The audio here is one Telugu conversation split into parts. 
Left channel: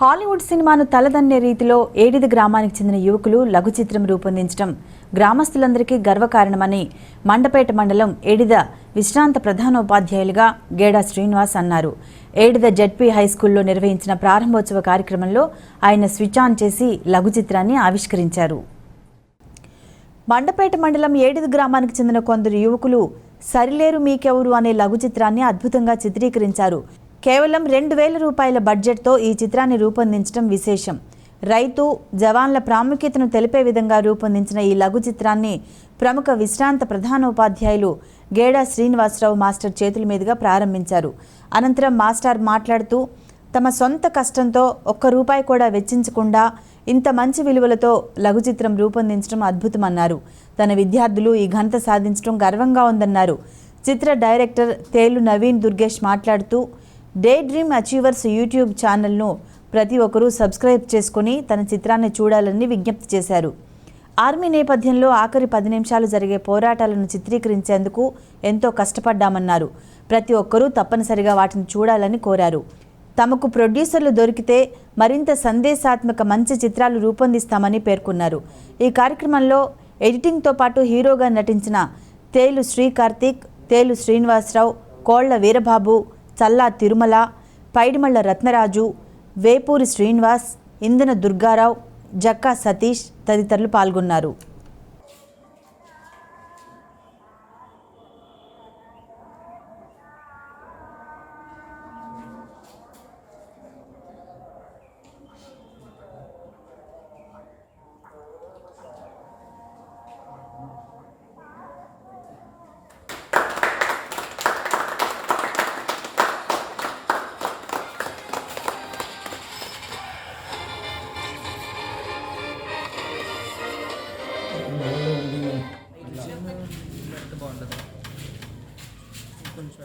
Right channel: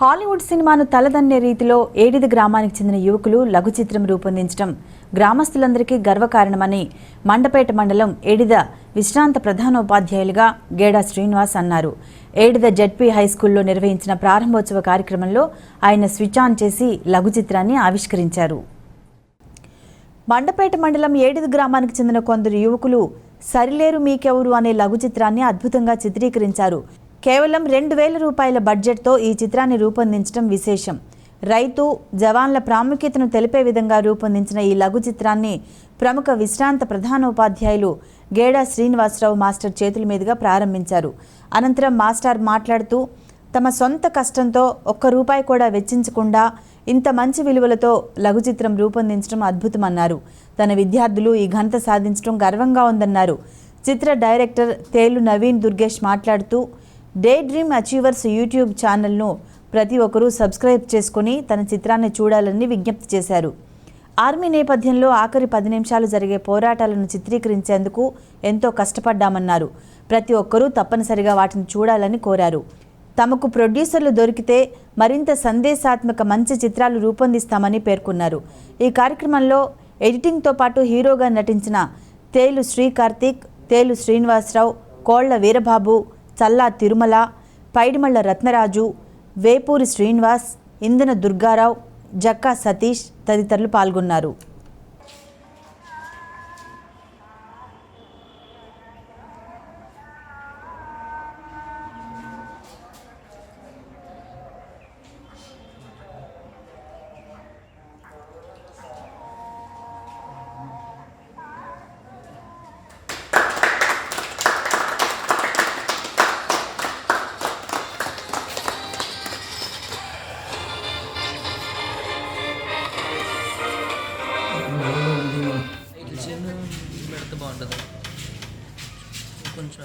హాలీవుడ్ సినిమాను తలదన్నే రీతిలో ఏడిది గ్రామానికి చెందిన యువకులు లఘు చిత్రం రూపొందించడం గ్రామస్తులందరికీ గర్వకారణమని మండపేట మండలం ఏడిద విశ్రాంత ప్రధానోపాధ్యాయులుగా గేడా శ్రీనివాస్ అన్నారు. ఏడిద జడ్పీ హైస్కూల్లో నిర్వహించిన ప్రారంభోత్సవ కార్యక్రమంలో ఆయన స్విచ్ ఆన్ చేసి లఘు చిత్రాన్ని ఆవిష్కరించారు. మండపేట మండలం ఏడిది గ్రామానికి చెందిన కొందరు యువకులు సరిలేరు మీకెవరు అనే లఘు చిత్రాన్ని అద్భుతంగా చిత్రీకరించారు. కేవలం రెండు వేల రూపాయల బడ్జెట్తో ఈ చిత్రాన్ని రూపొందించడం విశేషం. రైతు జవాన్ల ప్రాముఖ్యతను తెలిపే విధంగా రూపొందించిన ఈ లఘు చిత్రాన్ని ప్రముఖ విశ్రాంత ప్రధానోపాధ్యాయులు గేడా శ్రీనివాసరావు మాస్టర్ చేతుల మీదుగా ప్రారంభించారు. అనంతరం మాస్టర్ మాట్లాడుతూ తమ సొంత కష్టంతో ఒక్క రూపాయి కూడా వెచ్చించకుండా ఇంత మంచి విలువలతో లఘు చిత్రం రూపొందించడం అద్భుతమన్నారు. తన విద్యార్థులు ఈ ఘనత సాధించడం గర్వంగా ఉందన్నారు. చిత్ర డైరెక్టర్ తేలు నవీన్ దుర్గేష్ మాట్లాడుతూ డే డ్రీమ్ అచీవర్స్ యూట్యూబ్ ఛానల్ను ప్రతి ఒక్కరూ సబ్స్క్రైబ్ చేసుకుని తన చిత్రాన్ని చూడాలని విజ్ఞప్తి చేశారు. ఆర్మీ నేపథ్యంలో ఆఖరి పది నిమిషాలు జరిగే పోరాటాలను చిత్రీకరించేందుకు ఎంతో కష్టపడ్డామన్నారు. ప్రతి ఒక్కరూ తప్పనిసరిగా వాటిని చూడాలని కోరారు. తమకు ప్రొడ్యూసర్లు దొరికితే మరింత సందేశాత్మక మంచి చిత్రాలు రూపొందిస్తామని పేర్కొన్నారు. ఈ కార్యక్రమంలో ఎడిటింగ్తో పాటు హీరోగా నటించిన తేలు శ్రీకార్తిక్ తేలు శ్రీనివాసరావు కోళ్ళ వీరబాబు చల్లా తిరుమల పైడిమళ్ళ రత్నరాజు వేపూరి శ్రీనివాస్ ఇందన దుర్గారావు జక్కా సతీష్ తదితరులు పాల్గొన్నారు. పెడితే బాగుంటుంది. కొంచెం.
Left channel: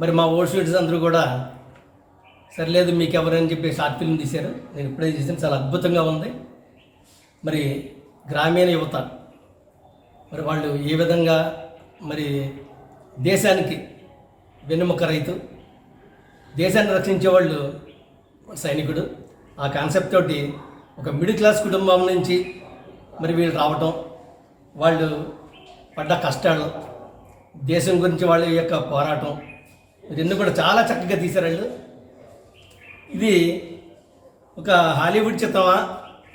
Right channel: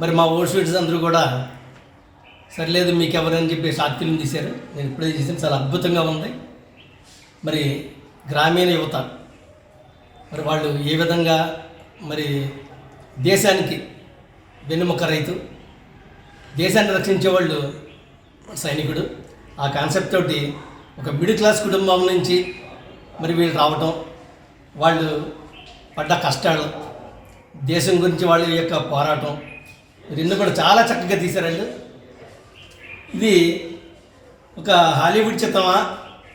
మరి మా ఓల్డ్ స్వీట్స్ అందరూ కూడా సర్లేదు మీకు ఎవరని చెప్పి షార్ట్ ఫిల్మ్ తీశారు. నేను ఇప్పుడే చేసాను చాలా అద్భుతంగా ఉంది. మరి గ్రామీణ యువత మరి వాళ్ళు ఏ విధంగా మరి దేశానికి వెన్నుముక రైతు దేశాన్ని రక్షించే వాళ్ళు సైనికుడు. ఆ కాన్సెప్ట్ తోటి ఒక మిడిల్ క్లాస్ కుటుంబం నుంచి మరి వీళ్ళు రావటం వాళ్ళు పడ్డ కష్టాలు దేశం గురించి వాళ్ళ యొక్క పోరాటం రెండు కూడా చాలా చక్కగా తీశారు వాళ్ళు ఇది ఒక హాలీవుడ్ చిత్రమా?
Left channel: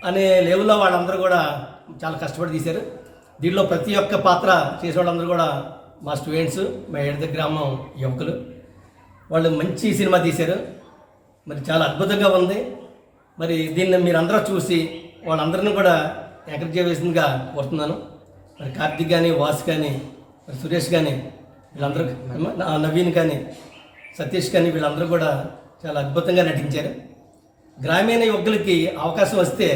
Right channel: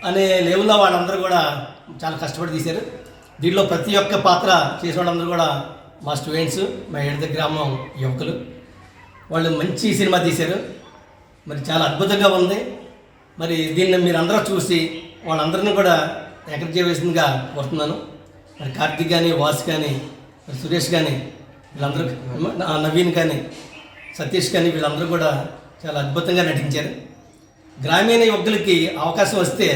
అనే లెవెల్లో వాళ్ళందరూ కూడా చాలా కష్టపడి తీశారు. దీనిలో ప్రతి ఒక్క పాత్ర చేసే వాళ్ళందరూ కూడా మా స్టూడెంట్స్ మా ఎడద గ్రామం యువకులు. వాళ్ళు మంచి సినిమా తీశారు. మరి చాలా అద్భుతంగా ఉంది. మరి దీన్ని మీరు అందరూ చూసి వాళ్ళందరినీ కూడా ఎంకరేజ్ చేయవలసిందిగా కోరుతున్నాను. మరి కార్తిక్ కానీ వాసు కానీ మరి సురేష్ కానీ వీళ్ళందరూ నవీన్ కానీ సతీష్ కానీ వీళ్ళందరూ కూడా చాలా అద్భుతంగా నటించారు. గ్రామీణ యువకులకి అవకాశం వస్తే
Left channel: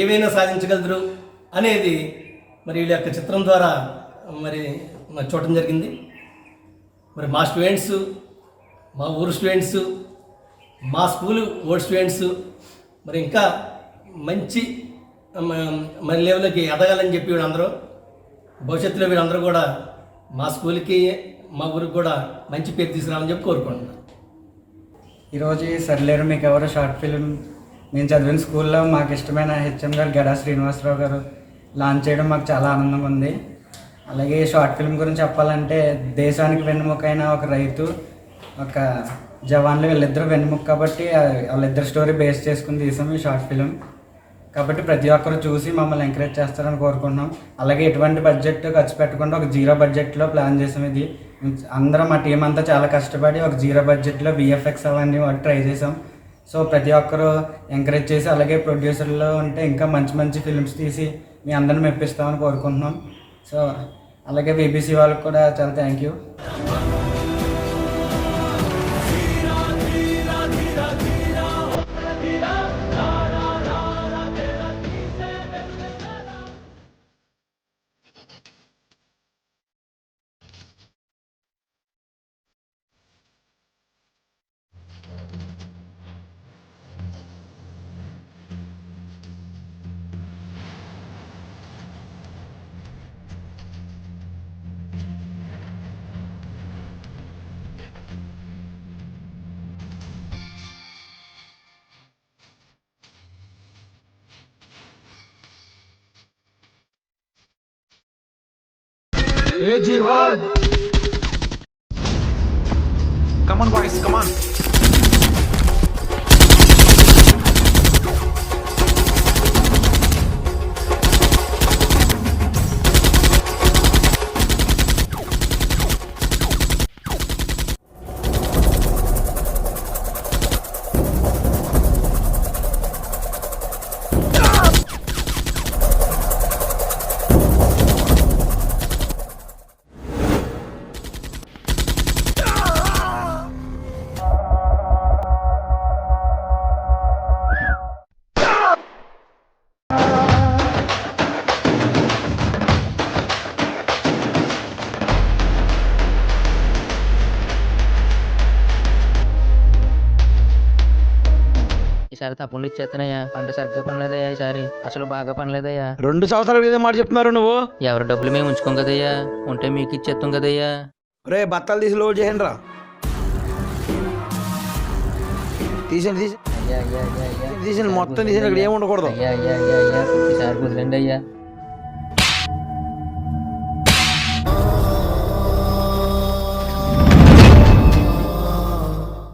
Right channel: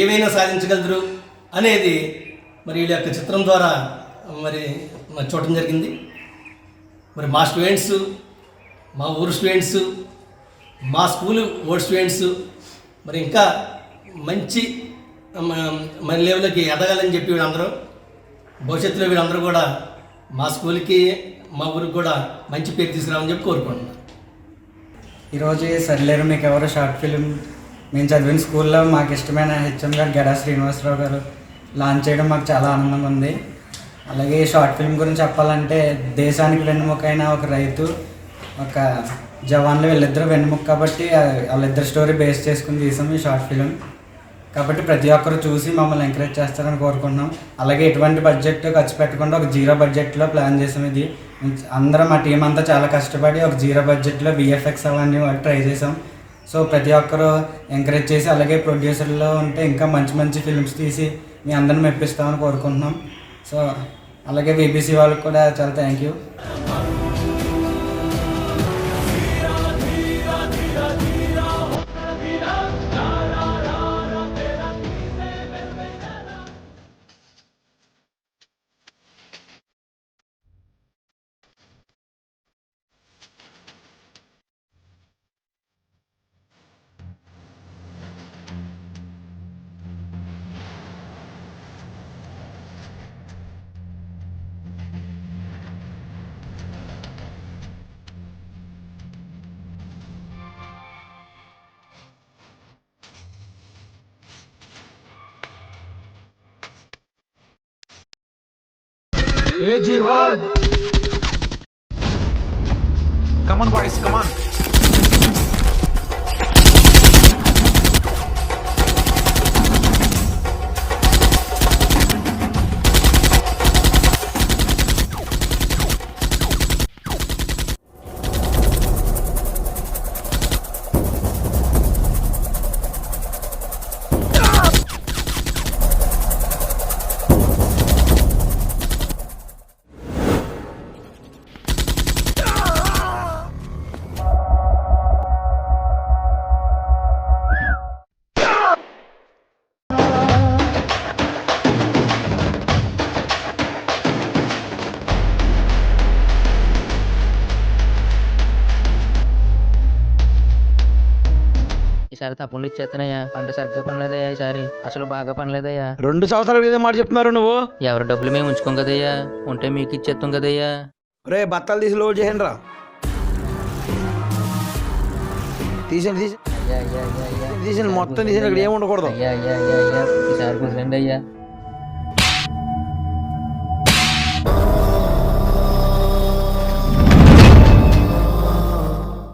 ఏవైనా సాధించగలరు అనేది మరి వీళ్ళ యొక్క చిత్రం ద్వారా మరి చూడటం జరిగింది. మరి మా స్టూడెంట్స్ మా ఊరు స్టూడెంట్స్ మా స్కూల్ ఓల్డ్ స్టూడెంట్స్ మరి ఇంకా మంచి మన లెవెల్కి ఎదగాలని చెప్పి వీళ్ళందరూ భవిష్యత్తులో వీళ్ళందరూ కూడా మా స్కూల్కి మా ఊరికి కూడా మంచి పేరు తీసుకురావాలని చెప్పి కోరుకుంటున్నాను. ఈరోజు ఈ సరిలేరు మీకు ఎవరు షార్ట్ ఫిల్మ్ మేము చదివిన స్కూల్లో మాకు ఇష్టమైన హెచ్ఎం గారు గడా శ్రీనివాసరావు గారు లాంచ్ చేయడం మాకు చాలా ఆనందంగా ఉంది. అలాగే షార్ట్ ఫిల్మ్ గురించి చెప్పాలంటే దేశానికి వెన్నుముకైన ఒక రైతు ఒక జవాన్లు వీళ్ళిద్దరూ వెన్నుముక కాబట్టి వాళ్ళిద్దరు స్టోరీ బేస్ చేసుకుని తీసాం ఈ షార్ట్ ఫిల్మ్ కాబట్టి ప్రతి ఒక్కరు చూసి మమ్మల్ని ఎంకరేజ్ చేస్తారని కోరుకుంటున్నాం. అలాగే ఎటువంటి బడ్జెట్ ఖర్చు పెట్టకుండా ఒక జీరో బడ్జెట్లో ప్లాన్ చేసాం ఇది. అందరం మా టీం అంతా చాలా కష్టపడి ఒక జీరో బడ్జెట్లో విఎఫ్ఎక్స్ అవన్నీ ట్రై చేసాం. సో ప్రతి ఒక్కరు ఎంకరేజ్ చేసి అలాగే ప్రొడ్యూసర్లో ఉంటే ఇంకా మంచి మంచి ఫిల్మ్స్ తీసి మీ అందరిని మెప్పిస్తామని కోరుకుంటున్నాం. సో అలాగే బీబీసీ వాళ్ళకి కూడా చాలా thank you Come on, boys, come on. ఈసారి తప్పులు ఇచ్చేస్తున్నాయా? పంట సరిగ్గా పనిలేదయ్యా ఈసారి. అసలు బాగా పనిలేదయ్యా రెండు సంవత్సరాల క్రితం మాట చెప్తున్నారు నువ్వు? ఎవరి డబ్బులు మేము ఉంచుకోం కదయ్యా? ఉంటే మీకు ఇచ్చేస్తాం కదయ్యా. రే బత్తాలు తీసి లోడ్ చేయండి రా తీసండి తీసి తీసండి మొత్తం తీసండి ఇక్కడ ఏమి ఉండకూడదు. అయ్యా అయ్యా అయ్యా అయ్యా. ఈసారి కుదిరండి అయ్యా.